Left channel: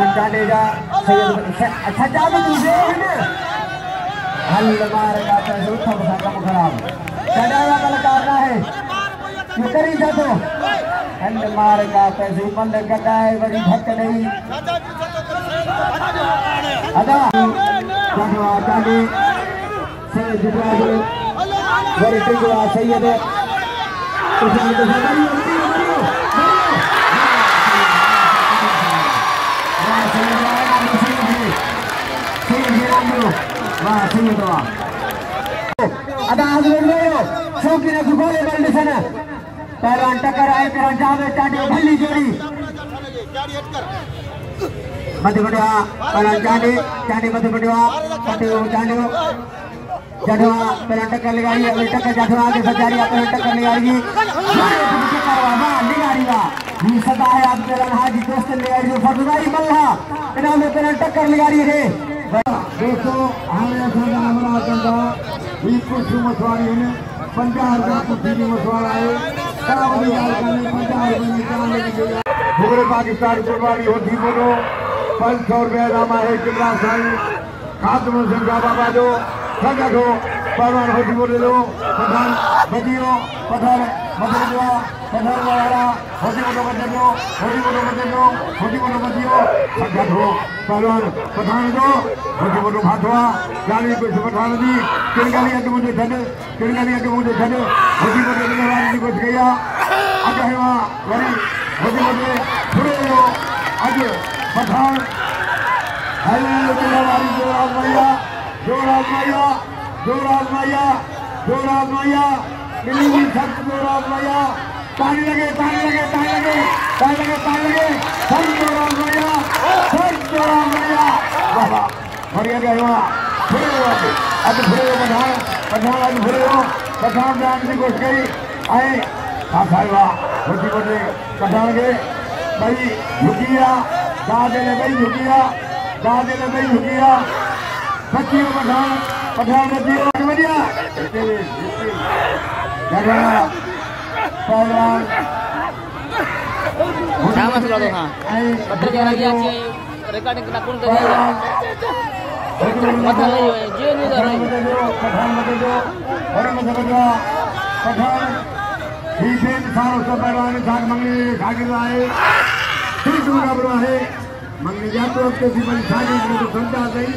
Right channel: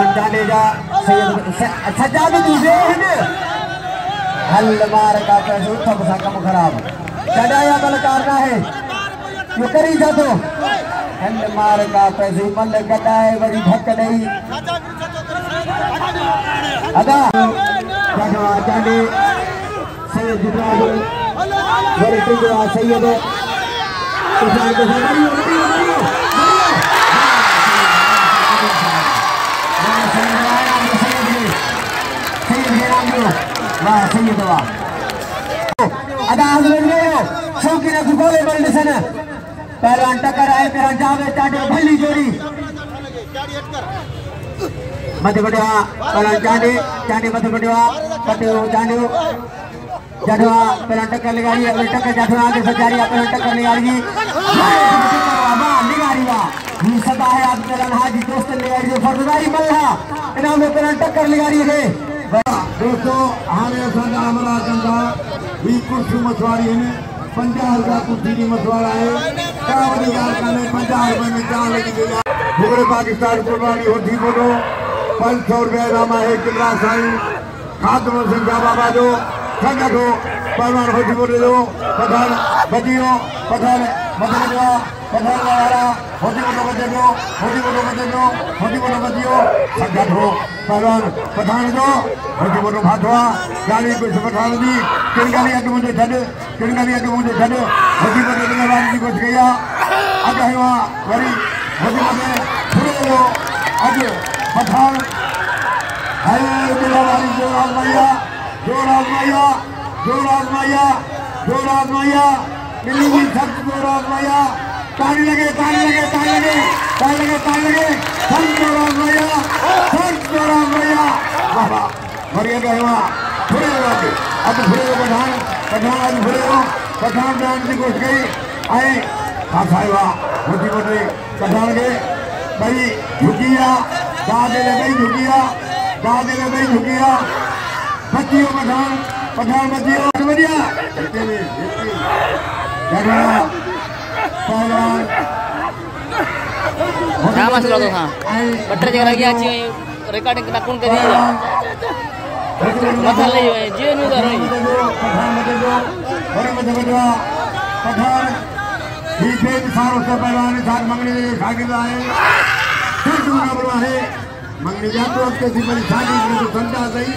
सजाद दूसरे हल मार का पैसे सब काम खराब चढ़ाया बल करना है ये करी जाते हल मार का पैसे बल कटा है बड़ी धक्क नहीं अदा जगवा जाने से जुड़ा है बड़ी जुड़ा सैयद पहलवान टक्कर आए मेरा जावे टाटे भली जोड़ी मध्य बढ़िया पहलवान चांडी मध्य बढ़िया पटेल चांडी जड़वा पहलवान टक्कर लगाई अगली टक्कर जड़वा आगे सजारी पहलवान टक्कर लगाई ये सदा है आप पहलवान हाजी दोस्त लगाई जो फरदाई मल्ला इन्होंने पहलवान टक्कर लगाई है दोस्तों हमें संगा हमारा संगा ये कुर्सी मछुआरी है 50 का कुर्सी की मछुआरा है अधिकार करने 50 रुपए में कहाँ लेके गया पूरे पाकिस्तान को बारी होती बोलो 500 रुपए नामा है किमरा साई खातमों से बाबा दो संगत हो पहलवान होती बोले लो पठान बदियों पठान बदलवा पठान वाला होती बोले बदियों संगत हो पहलवान पठान दो होती बोले भागवा गाड़ी को पठान दी किरगालिया के मुझे होती बोले कुछ गया आगे है वहाँ वही होती बोले छुड़े लो आगे पठान जोराज मैया मिली सब जोराज मैया ताली लगे बढ़िया गया पठान जाने की कोशिश गई आए होती बोले पठान गए भाई झुकिया दादे ने भाई झुकिया बच्चियों पठान बच्चियों बढ़िया क्या मसला तो हाँ बटर जगह की अच्छी रिकॉर्डिंग करना कौन करेगा मत ले जीवन में कर रही पीछे सारों से पहलवान साथ मंगने खाके लाए फिर दूसरा बड़ा है मंगने जाते वक्त ऐसी बड़ी शादी में तो संता सही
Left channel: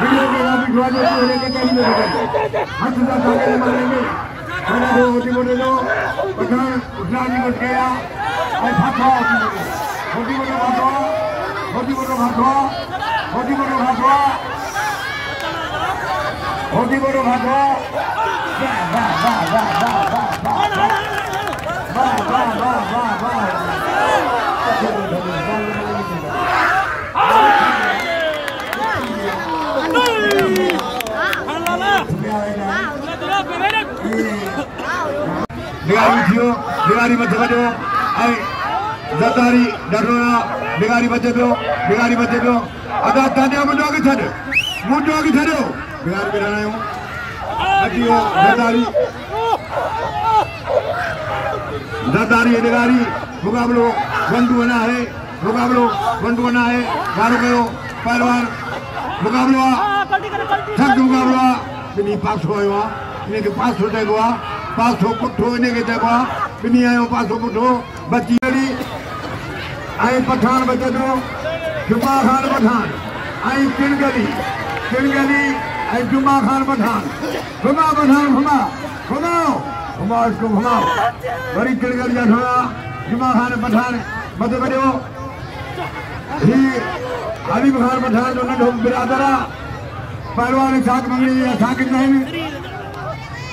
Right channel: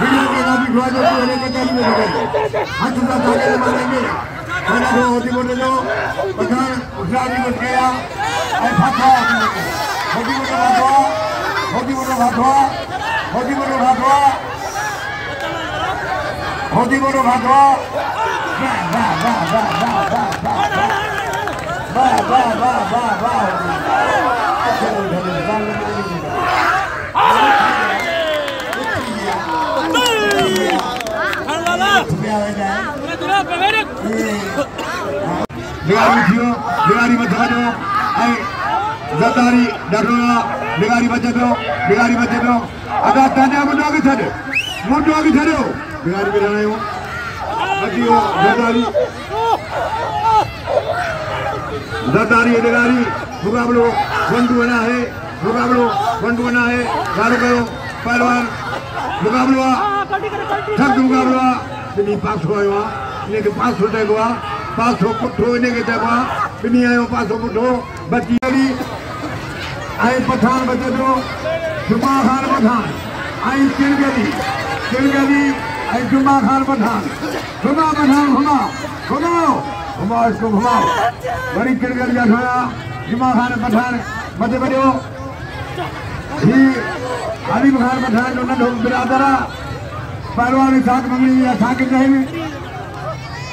वीडियो के नाम भी होने का चाहिए हाथ से सारे मारेंगे खाना दो होती बोले लो पठान उठा भी बच गया ऐ भागवा होती बोलो भागवा बिगारी मत बजो जतारी डरोना बिगारी बजे दो अगर ताजा मुंडो की छड़ो बिगारी बिगाड़ी हो जतारी बिगारी मुकाबलो बंधु बना है गाड़ी करो पहलवान मुकाबलो ठग मुकाबलो बिनी पास हुआ इन्हें के 500 दे दो 500 पुट्ठो इन्हें के देखा बिनी आयो 500 पुट्ठो बच्ची वाली आए पठान बचे दो जुम्मा खान पठान आई किलगली आई जुम्मा खान पठान घुमा इसको घुमाओ बड़ी किलगली जाना जुम्मा खान पठान मत बजो ही अली खान पठान जो नंढो बिरादरा पहलवान साथ मंगली या साकिब नहीं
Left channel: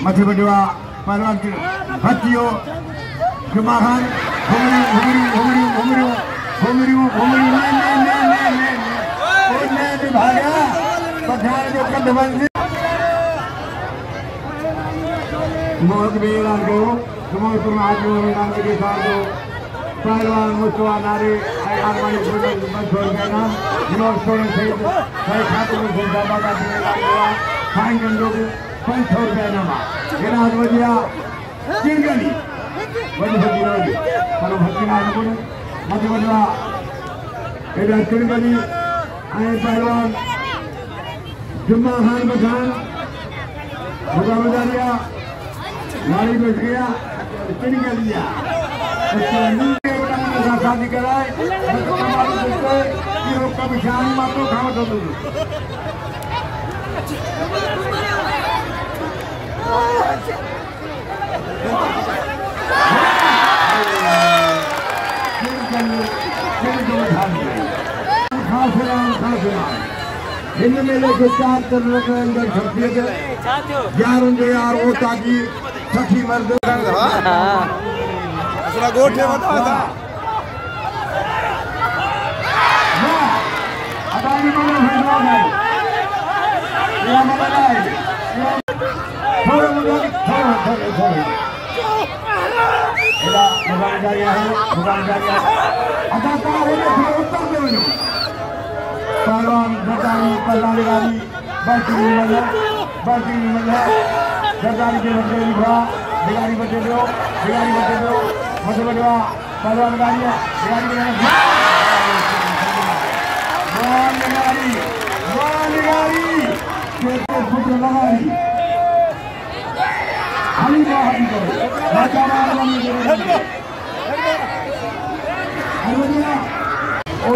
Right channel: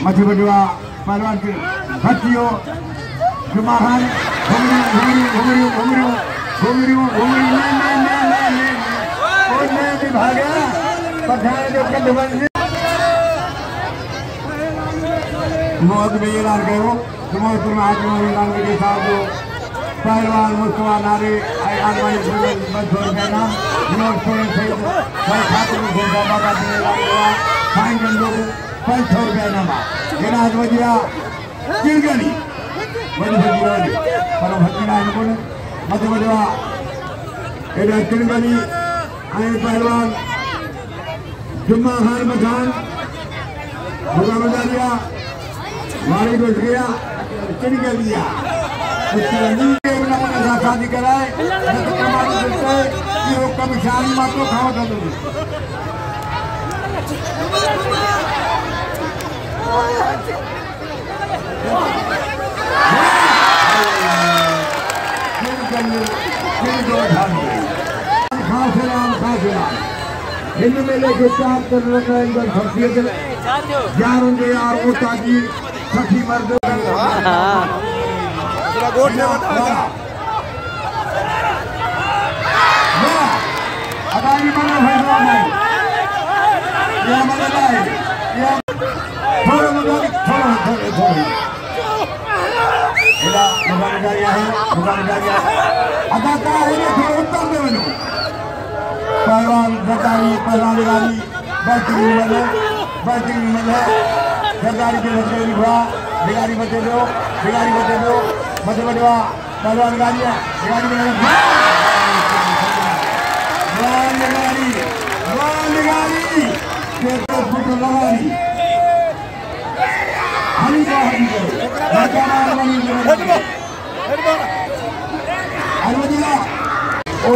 मत बजवा पहलवान के बच्चियों जुम्मा खान घुमरी पहलवान मुस्तफा नारे इधर तिरगली पहलवान जुम्मा खान पठान मुकाबला लिया लारी बैठ गया तिरगलिया शादी कराए कमिशानी आपको खाओ तो इनमें लेके 4 कर रखा है इधर फर्स्ट यार उनके यार वो ताकि सखी मर्द पूरा गोट में बता था अदानी बने भाई ये मत है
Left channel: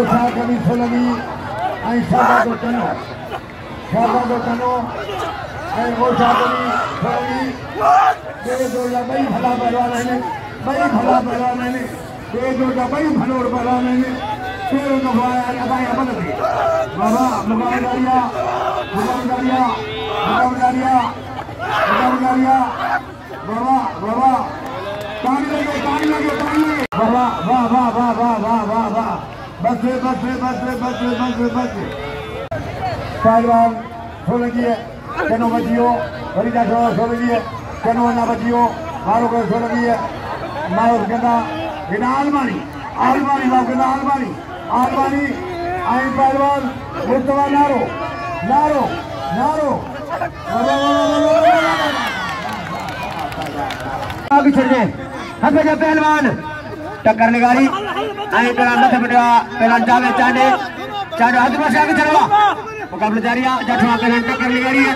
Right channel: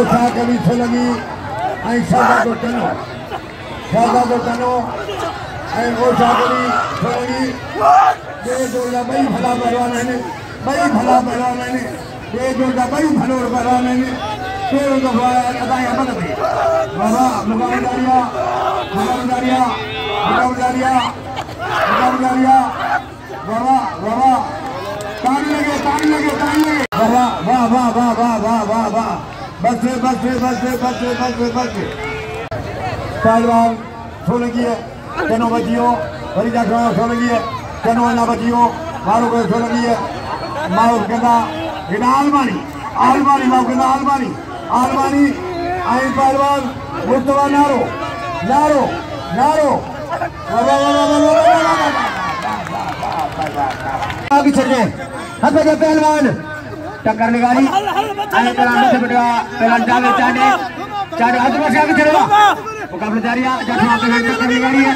थोड़ा कभी लगी ऐसा तो करो वो चाकरी ये जोड़ा बड़ी भला भरा मैंने ये जोड़ा बड़ी भलोर भरा मैंने फिर उनको अदाय बदले बाबा मुकाबला बाबा ताली लगे बाबा वाह बस पहलवान सोलगी है केनो बजियो बड़ी जाठवा सोलगी है केनो ना बजियो मारो को सोलगी है माउस केना केना आलमानी मां केना आलमानी आई पहलवान मुस्तफा नारो आगे चल गए हद पे पहलवान टक्कर लगाई आई करा मत बिटवा तोलन चाले हाथ में आगे चलेगा मुकाबला जारी है जाठवा पे टक्कर लगाई है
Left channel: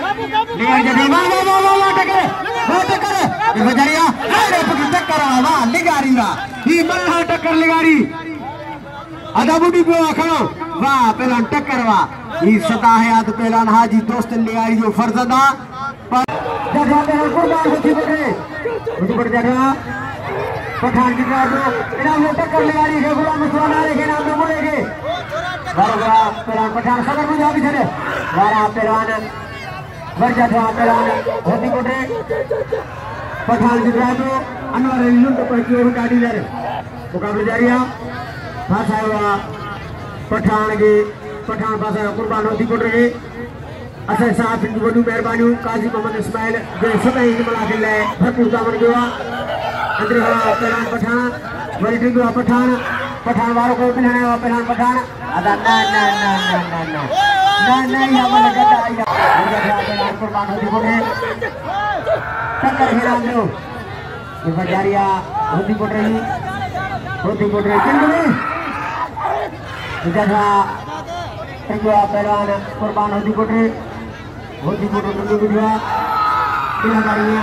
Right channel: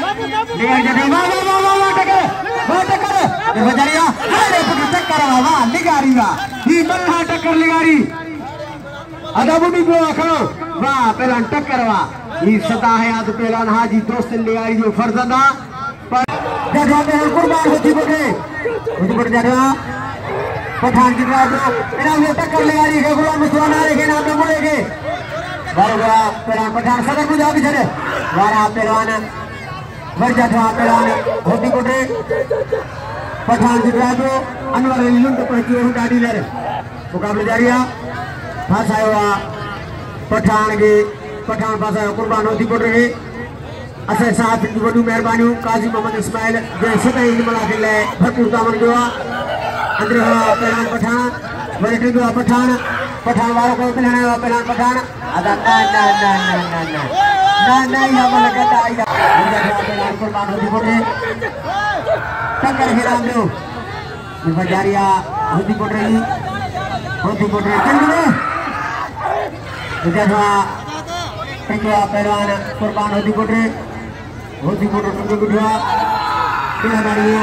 टक्कर देखो जारी है अरे टक्कर बाबा लगारी बा ही बल्ला टक्कर लगारी आधा बुडी को खड़ो वाह पहला टक्कर वा ही सदा है याद पहलवान हाजी दोस्त लगारी जो फरजदा जाठवा पे कुर्बान होती बटे ऊपर जा रहा पठान की बात इन्होंने टक्कर लगाई है वो मुसलमान है के नाम पे बोलेंगे बारा पठान सदा मुझे आगे चले बारा पहलवान मर जाता पहलवान होती कोटे पठान की बात अनवर अली को पहुंची और गाड़ी ले मुकाबला जारी है भाषा हुआ पठान भाषा कुर्बान होती कोटे असल साथ की बड़ी मेहरबानी काजी मोहम्मद इस्माइल जो सभी मिला के ले भरपूर दामन गया अंदर पहलवान पठान बड़े टीम का पठान वालों को पिलाने वाला पहलवान पठान अदा ना यहाँ पर लगा था पहलवान कुर्बान होती कोटे टक्कर हिरान दो उनका जारिया होती कोट रही जब पहलवान कुर्बान होती कोटे गुड़वा पिला मारी है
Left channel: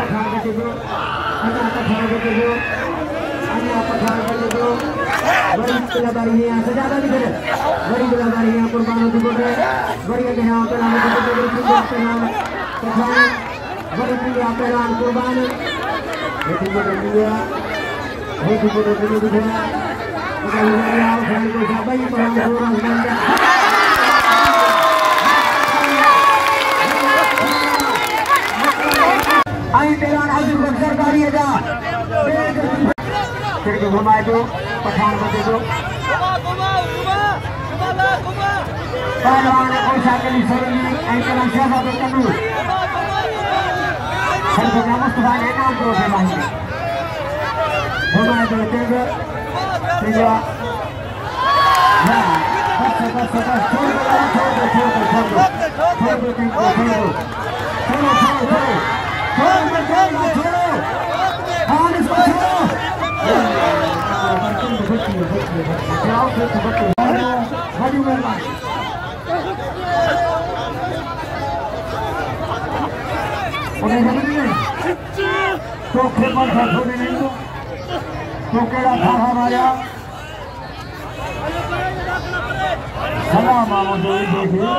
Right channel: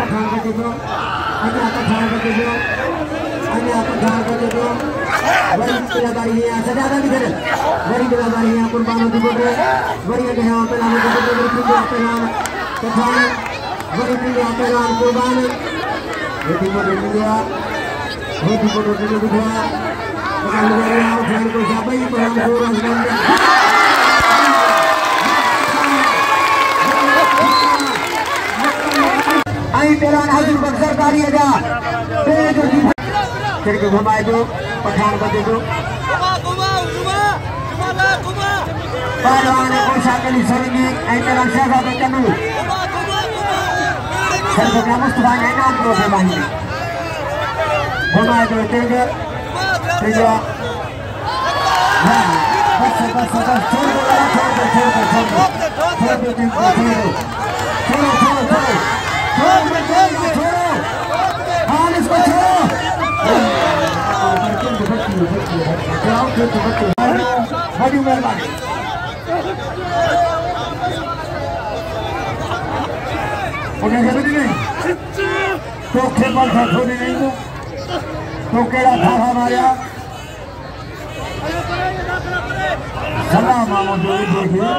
पठान के देखो बड़ी पिलादारी है सजादा भी करे बड़ी पिलादारी है कुर्बान होती कोटे बड़ी के यहां पहलवान बड़ी पहलवान कुर्बान होती कोटे गुड़वा आई पहलवान हाजिर पर सरकारी अदा खिड़की घुमाए को पठान को देखो पहलवान पोशाक के लिए सोनी एंकल शहजाद कन्नू सरकार मुस्तफा ने नाम को फरमाई घुमाए को तेज प्रिया छोड़ो बड़ी मेहरबानी उन्हें समझ नहीं चौथे पर छोड़ी नहीं तो केड़ा थाहा माया सलाम देखिए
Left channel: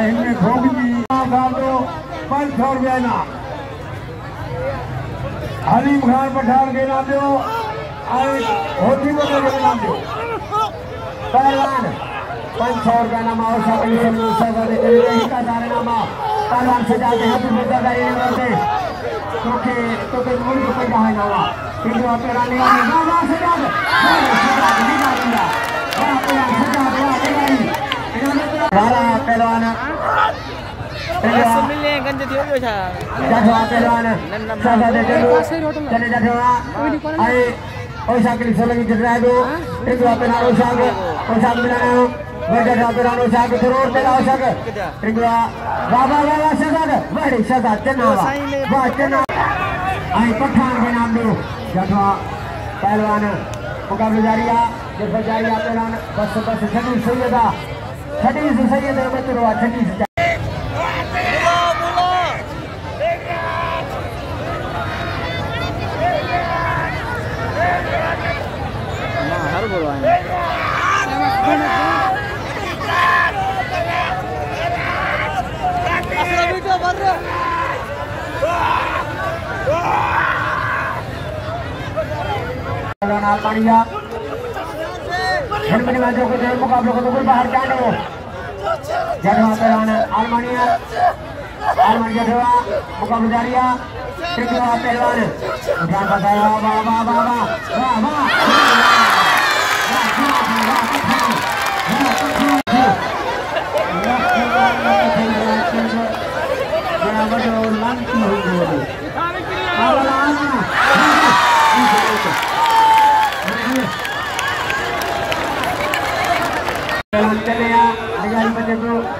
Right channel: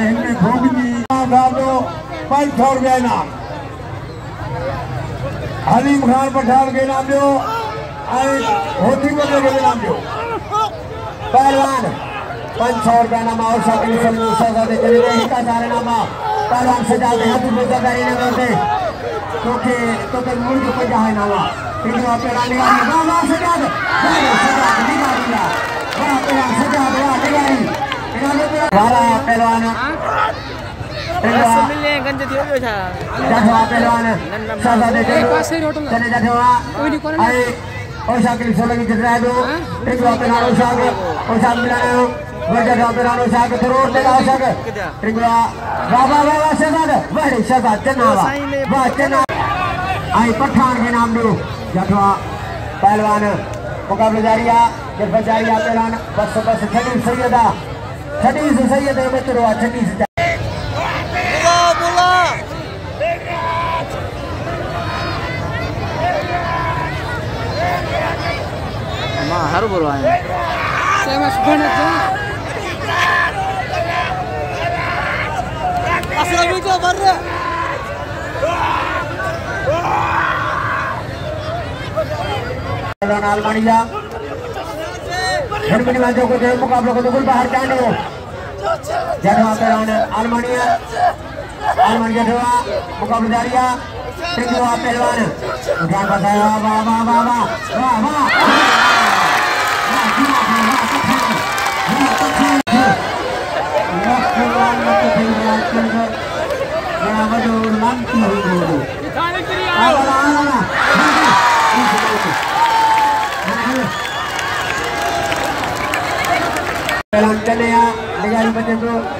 इनमें भोग भी डाल दो 500 रुपया इनाम हलीम खान पठान के नाम दो होती को नाम दो पहलवान 500 रुपया नाम और पहलवान से जाते हैं तुम लोग क्योंकि तो के मुल्क को क्या है ना क्योंकि आप रानी पहलवान मिलने गंज थी हो था जाठवा पहलवान सादा दे चले जाठवा अरे ओसा के लिए लगी चल रहा है दो एक पहलवान ओसा मिलाना हो वो जाठवा पहलवान ओसा के करोड़ देगा ओसा के एक बाबा सदा बड़े सदा चन्नावा वाह चन्ना आई पठान के नाम दो जाठवा पहलवान मुकाबला जारी है जब जारी है पहलवान बस छठी सैयद है मित्रों छठी से हर बोलवाए मुकाबले को बिल्कुल बाहर जाने जगह पहलवान आलमानिया जगह मुकाबला जारी है पहलवान ध्यान बताया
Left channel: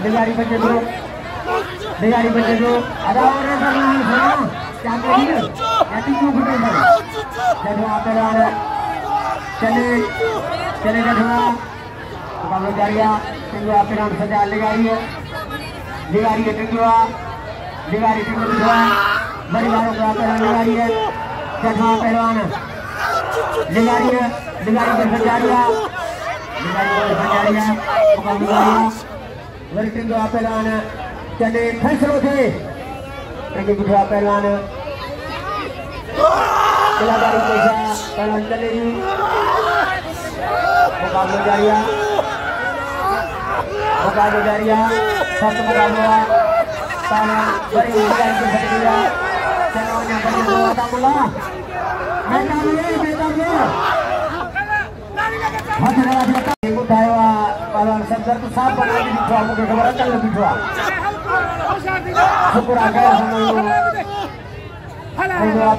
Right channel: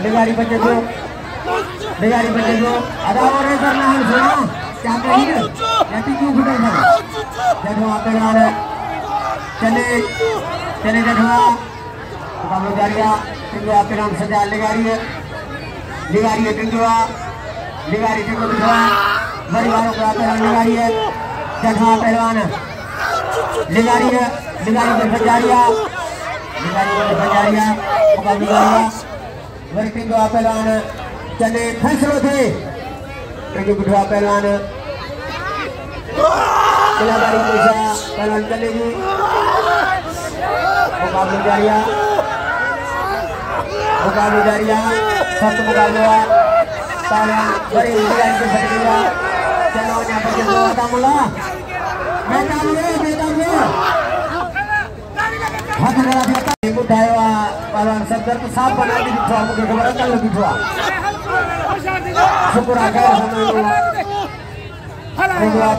बिगारी बच्चे को चले सजा लिगारी है लिगारी है पहलवान लिगारी है पहलवान चले फैसलों थे पहलवान पहलवान चलेगी साफ बना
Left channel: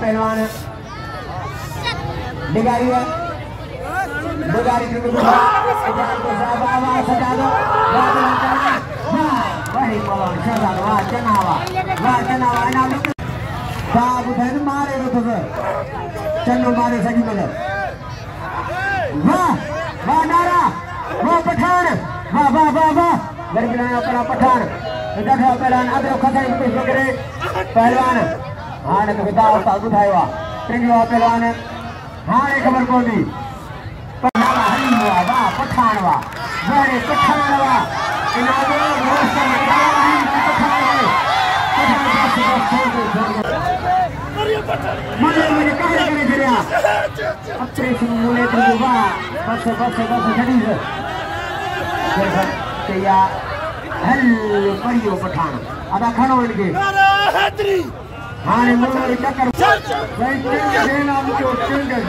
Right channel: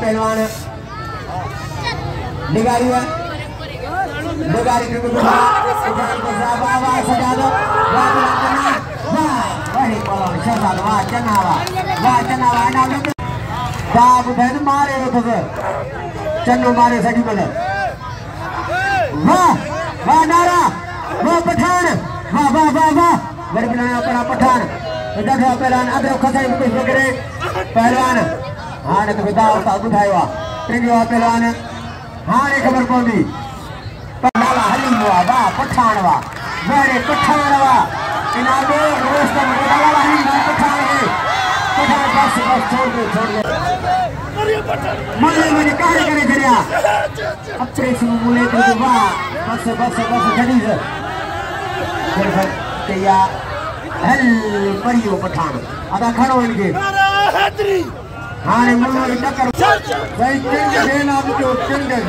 पहलवान बिगारी है बाबू बहन मारे चन्नू मारे सगी बदल वाह वाह नारा वाह पठान वाह वाह वाह वाह अपना पठान पहलवान अदर खसाई करे पहलवान हाँ ने तो बता उठाया पहलवान हाँ एक खबर कौन दी हली हुआ वाह पठान वाह मेरे पठान वाह इनामे रोस्ट का मुझे कहा करे जरिया अच्छे से बोले तो बस खरीद या हल परियो पठान अदा खड़ो इनके हाँ ने मुझे चक्कर भाई देना मुझे चिंगे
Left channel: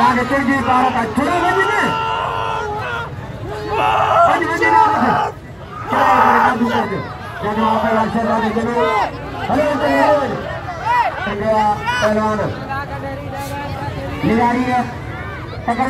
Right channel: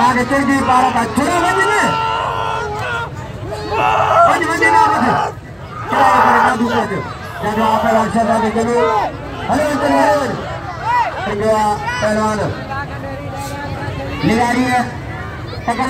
आगे तेरी बात का चुरा बजने जब आप राशा दे दो पहलवान लिगारी है सजा